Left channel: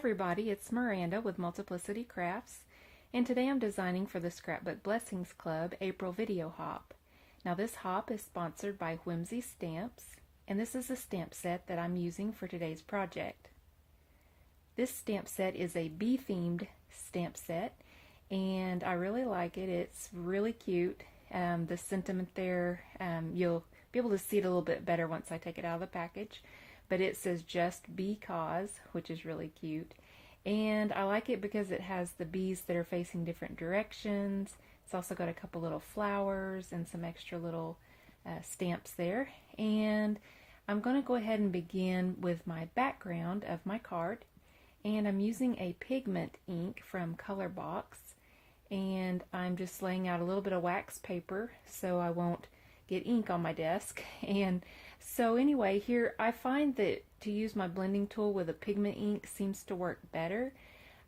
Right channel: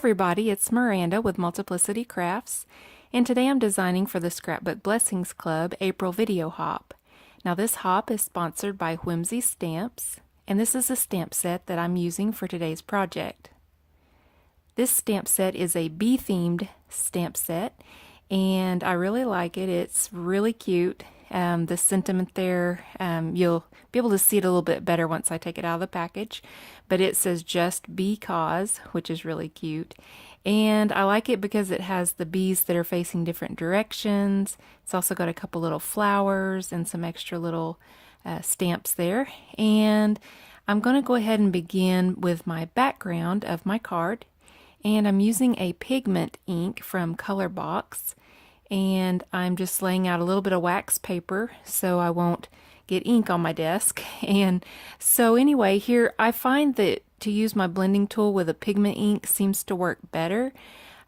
everybody, it's Miranda with Multiplicity Crafts, and today I'm designing for the ScrapBook Blessings Club April video hop. Now this hop is sponsored by Whimsy stamps, and this is a stamp set that I'm using for today's project. This stamp set is a bee-themed stamp set, and I really like it. It's really cute. The sentiment there, you'll be able to see it a little bit better once I take it out of the package, but it says just because, which is really cute. And I like it because it has the bees that are facing different directions. It's also got a couple little flowers and some extra little stamps there. And I'm going to go ahead and begin with my background of my card. And I'm using a pigment ink from Colorbox. And I'm just laying out a little bit of wax paper so I won't get ink on my desk. And so anyway, here I find that to use my blending tool with a pigment ink seems to work better.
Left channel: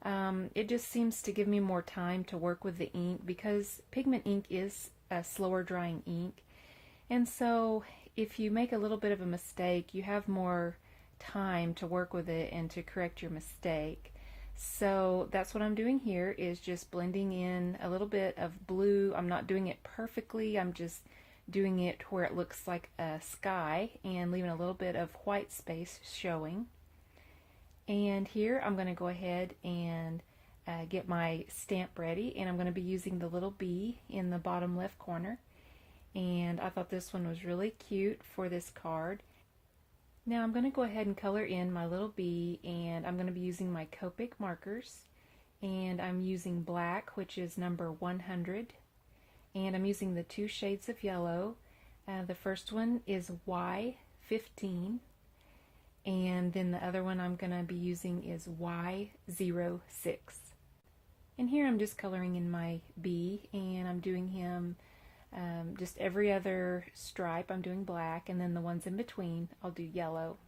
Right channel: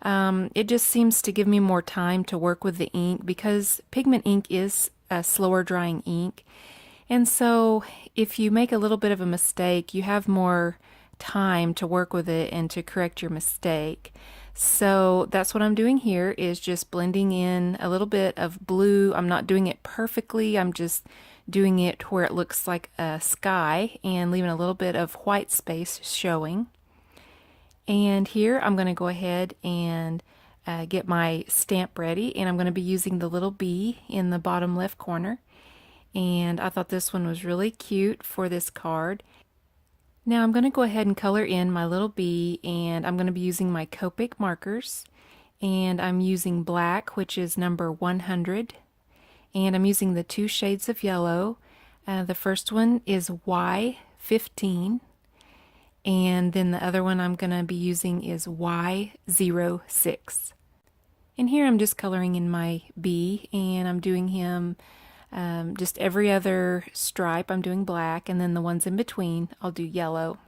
It just seems to give me more time to work with the ink because pigment ink is a slower drying ink. And so if you make a little bit of a mistake, you have more time to work with it and to correct your mistake. So that's what I'm doing here, is just blending in a little bit of blue. I'm not doing it perfectly. I'm just doing it where it looks like a sky and leaving a little bit of white space showing. And here I'm going to go ahead and get my stamp ready, and I'm going to be using the little bee in the bottom left corner. And I thought this one was really cute for this card. Now I'm going to go ahead and color in my little bee, and I'm going to be using my Copic markers, and I'm using black, which is number 100, and I'm using the two shades of yellow. The first one is Y15, and then the other one I'm going to be using is Y06. And here I'm just coloring in my bee, and I'm doing him just every other stripe I'm doing black, and then the ones in between I'll do yellow.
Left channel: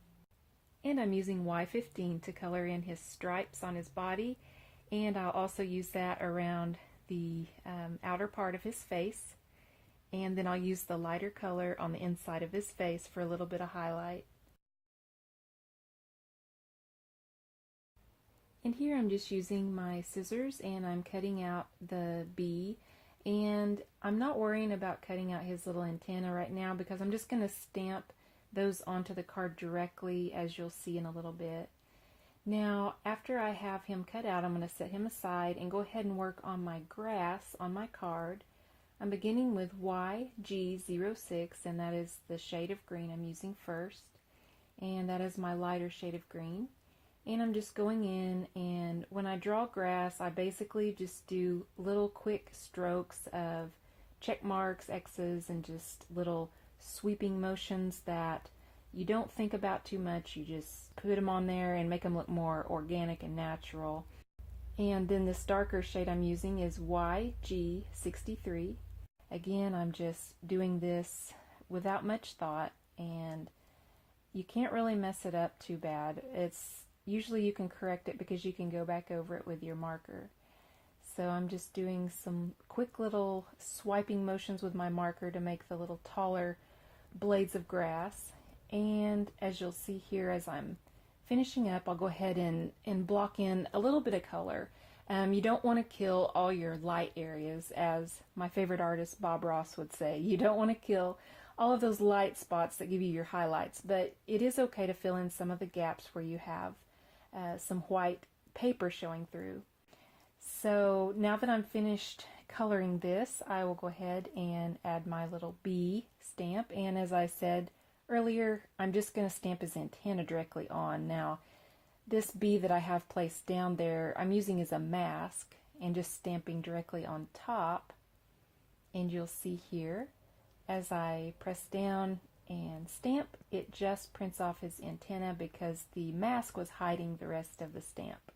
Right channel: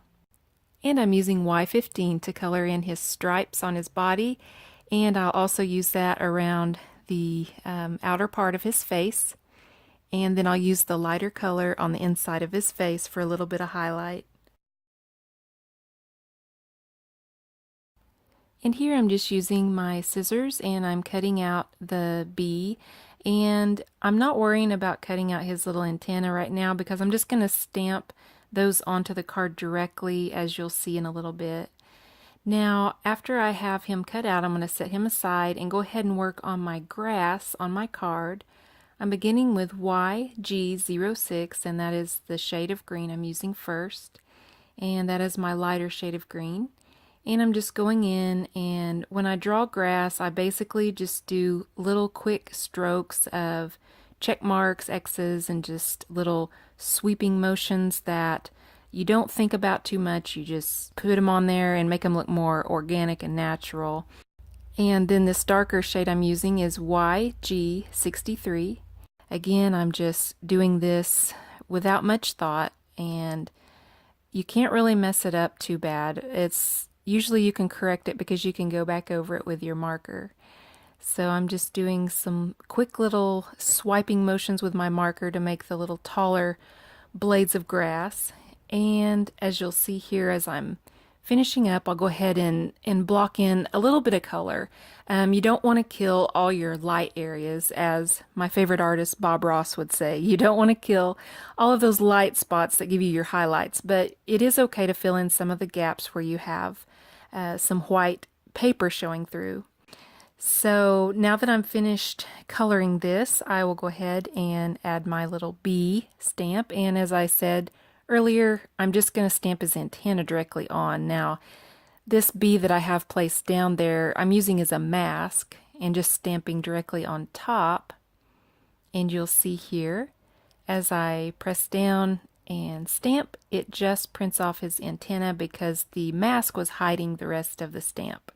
And I'm using Y15 to color in his stripes on his body, and I'll also use that around the outer part of his face, and then I'll use the lighter color on the inside of his face for a little bit of highlight. And here I'm just using my scissors, and I'm cutting out the bee. And I'm not worrying about cutting out his little antenna right now because I'm just going to stamp those onto the card directly, as you'll see in a little bit. Now, after I have him cut out, I'm going to set him aside and go ahead and work on my grass on my card. I'm beginning with YG06, and that is the shade of green I'm using first. And that is my lighter shade of green. And I'm just going in, and when I draw grass, I basically just do little quick strokes of check marks, X's, and just little sweeping motions that you don't think about too much. You just put them on there and make them look more organic and natural. And then this darker shade I'm using is YG63. Again, I'm just doing this without much thought, and you can't really mess it up too bad. Usually you can correct it because you can go back over it with your marker. So I'm just doing some quick little swiping motions with my marker to make the little taller blades of grass. And as you'll see here, as I'm finishing up, I'll go ahead and block in a little bit of color. You don't want to kill all your light areas, as my favorite artist Bob Ross would say. You don't want to kill all of those light spots that give you your highlights, but it is okay to fill in some of the gaps where you have some white paper showing through. So now that I'm finished coloring this, I will go ahead and add my little bee stamp. And as I said earlier, I'm just going to stamp his antenna directly on. Now, this bee that I have placed down there, I'm using as a mask and just stamping directly on top. And you'll see here, as I press down and stamp, it just prints off his antenna because the mask was hiding the rest of the stamp.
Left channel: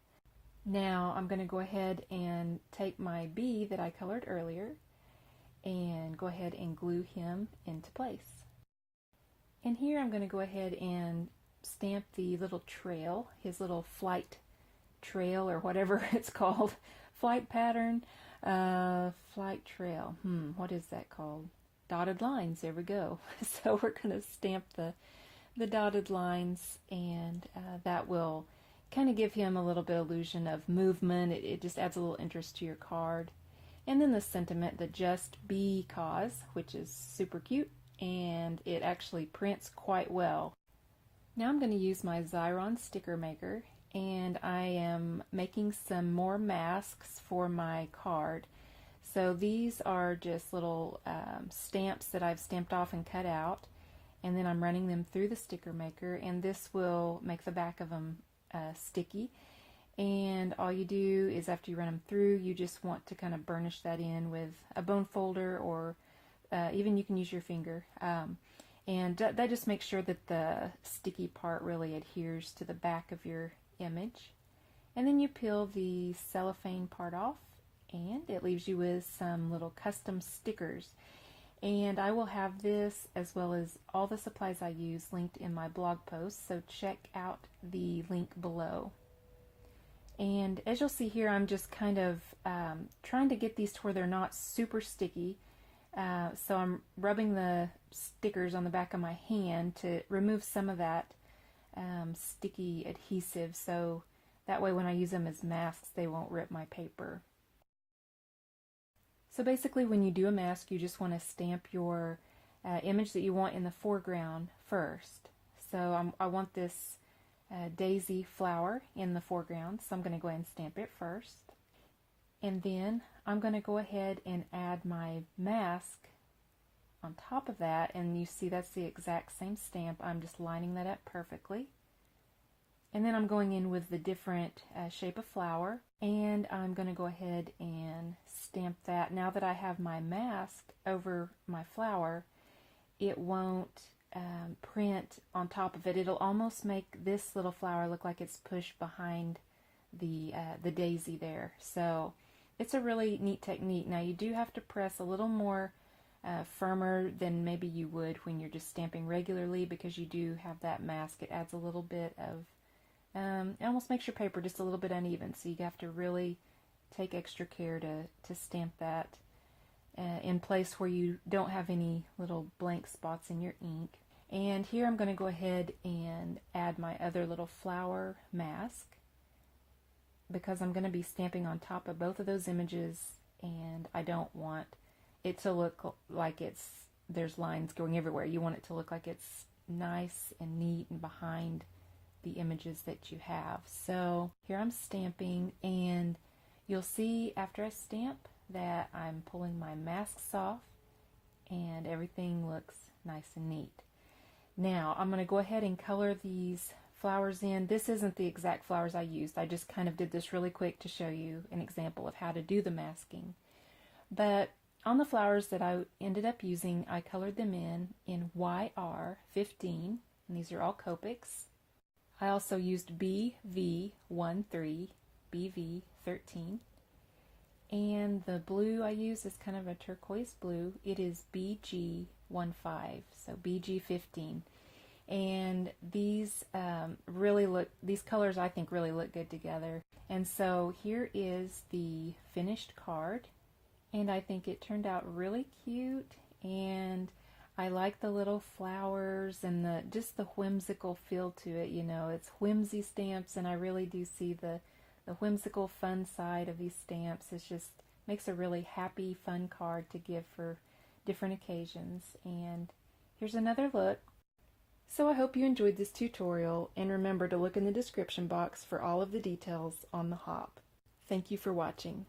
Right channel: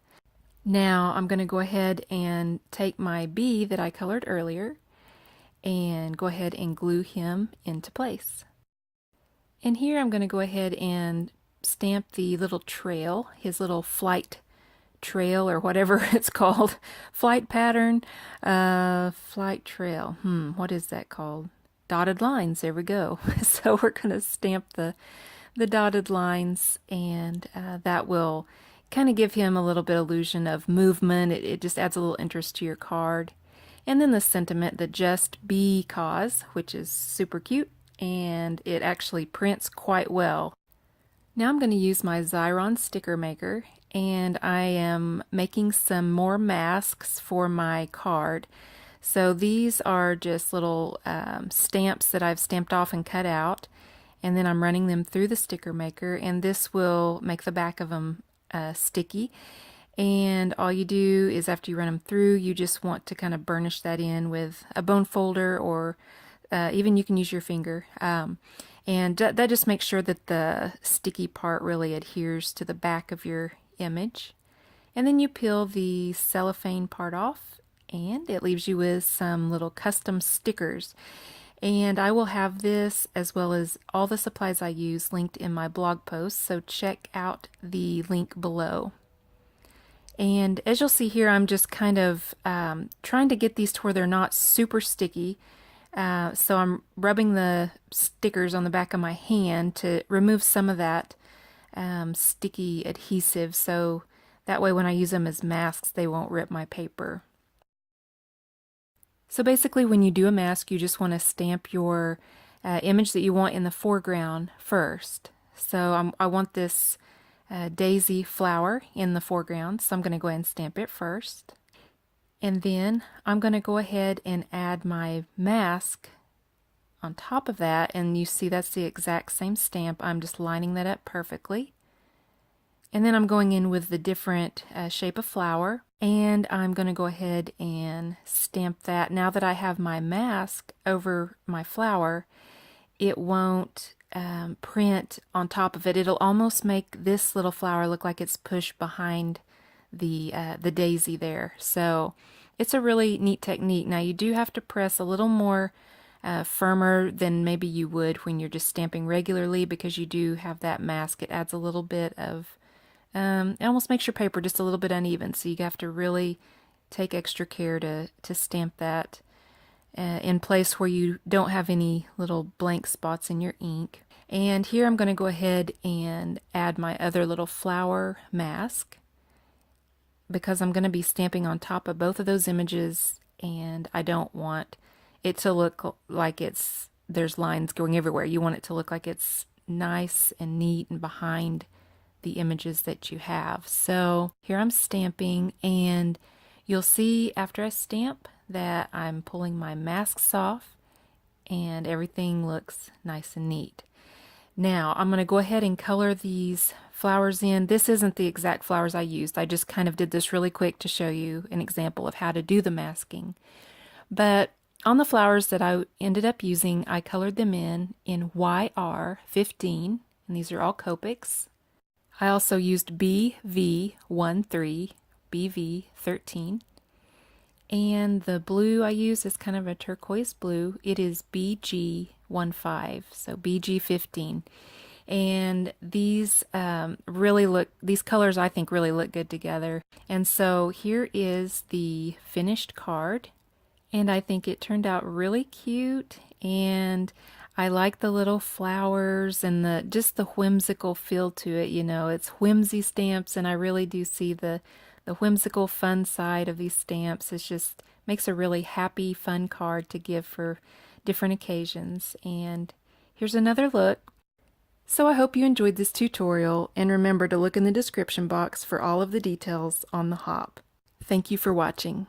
Now I'm going to go ahead and take my bee that I colored earlier and go ahead and glue him into place. And here I'm going to go ahead and stamp the little trail, his little flight trail, or whatever it's called, flight pattern, flight trail. What is that called? Dotted lines. There we go. So we're going to stamp the dotted lines, and that will kind of give him a little bit illusion of movement. It just adds a little interest to your card. And then the sentiment, the just because, which is super cute, and it actually prints quite well. Now I'm going to use my Xyron sticker maker, and I am making some more masks for my card. So these are just little stamps that I've stamped off and cut out, and then I'm running them through the sticker maker, and this will make the back of them sticky. And all you do is after you run them through, you just want to kind of burnish that in with a bone folder, or even you can use your finger. And that just makes sure that the sticky part really adheres to the back of your image. And then you peel the cellophane part off, and it leaves you with some little custom stickers. And I will have this, as well as all the supplies I use, linked in my blog post, so check out the link below. And as you'll see here, I'm just kind of trying to get these to where they're not super sticky. So I'm rubbing the stickers on the back of my hand to remove some of that sticky adhesive, so that way when I use them as masks, they won't rip my paper. So basically when you do a mask, you just want to stamp your image that you want in the foreground first. So I want this daisy flower in the foreground, so I'm going to go ahead and stamp it first. And then I'm going to go ahead and add my mask on top of that, and you see that's the exact same stamp. I'm just lining that up perfectly. And then I'm going in with the different shape of flower, and I'm going to go ahead and stamp that. Now that I have my mask over my flower, it won't print on top of it. It'll almost make this little flower look like it's pushed behind the daisy there. So it's a really neat technique. Now you do have to press a little more firmer than maybe you would when you're just stamping regularly, because you do have that mask. It adds a little bit of it almost makes your paper just a little bit uneven, so you have to really take extra care to stamp that in place where you don't have any little blank spots in your ink. And here I'm going to go ahead and add my other little flower mask, because I'm going to be stamping on top of both of those images, and I don't want it to look like there's lines going everywhere. You want it to look like it's nice and neat and behind the images that you have. So here I'm stamping, and you'll see after I stamp that I'm pulling my masks off and everything looks nice and neat. Now I'm going to go ahead and color these flowers in. This isn't the exact flowers I used. I just kind of did this really quick to show you an example of how to do the masking. But on the flowers that I ended up using, I colored them in YR15, and these are all Copics. I also used BV13, BV13, and the blue I use is kind of a turquoise blue. It is BG15, so BG15. And these these colors I think really look good together. And so here is the finished card, and I think it turned out really cute, and I like the little flowers and just the whimsical feel to it. You know, it's whimsy stamps, and I really do see the whimsical fun side of these stamps. It just makes a really happy, fun card to give for different occasions. And here's another look. So I hope you enjoyed this tutorial, and remember to look in the description box for all of the details on the hop. Thank you for watching.